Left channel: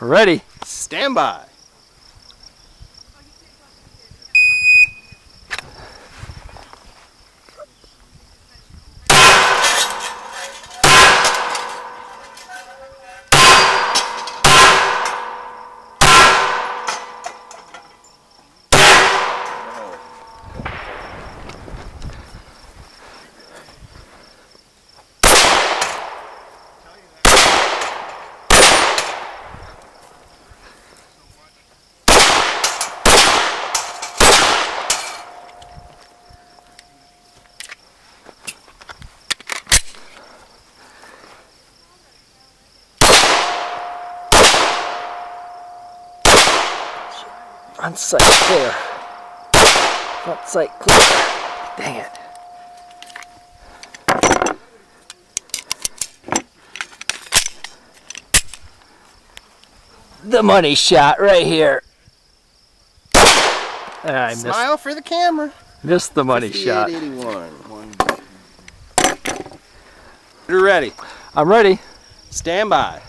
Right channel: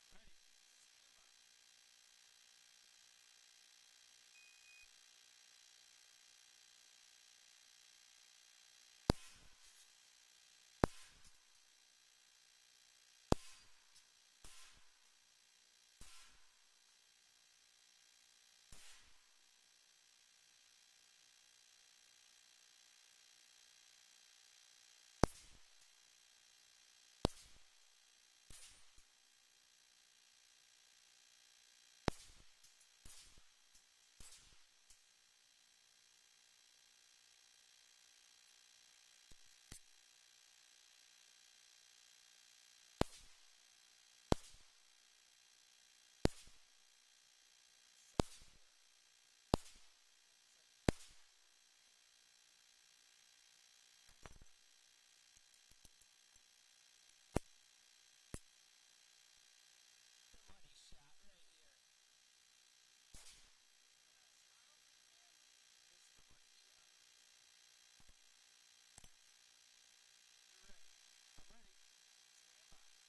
Ready. Stand by. Front sight clear. Front sight clear. Dang it. The money shot right here. I Smile for the camera. Missed the money shot. 58.81. You're ready. I'm ready. Stand by.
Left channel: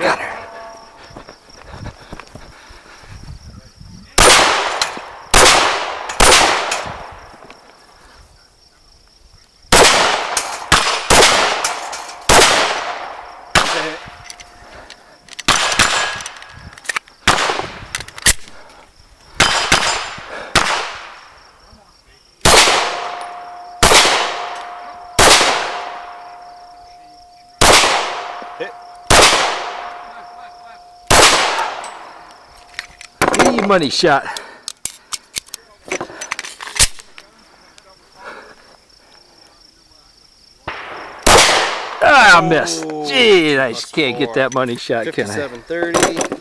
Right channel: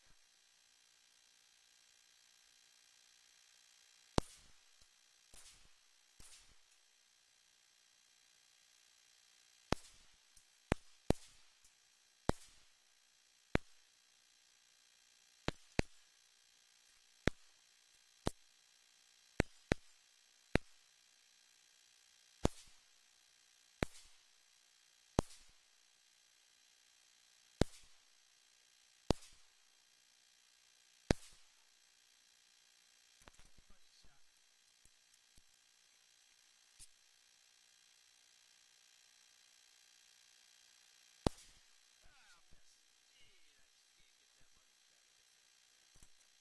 Got her. Money shot. Ah, I missed. Gee, I just can't get that money shot, can I? 57.30.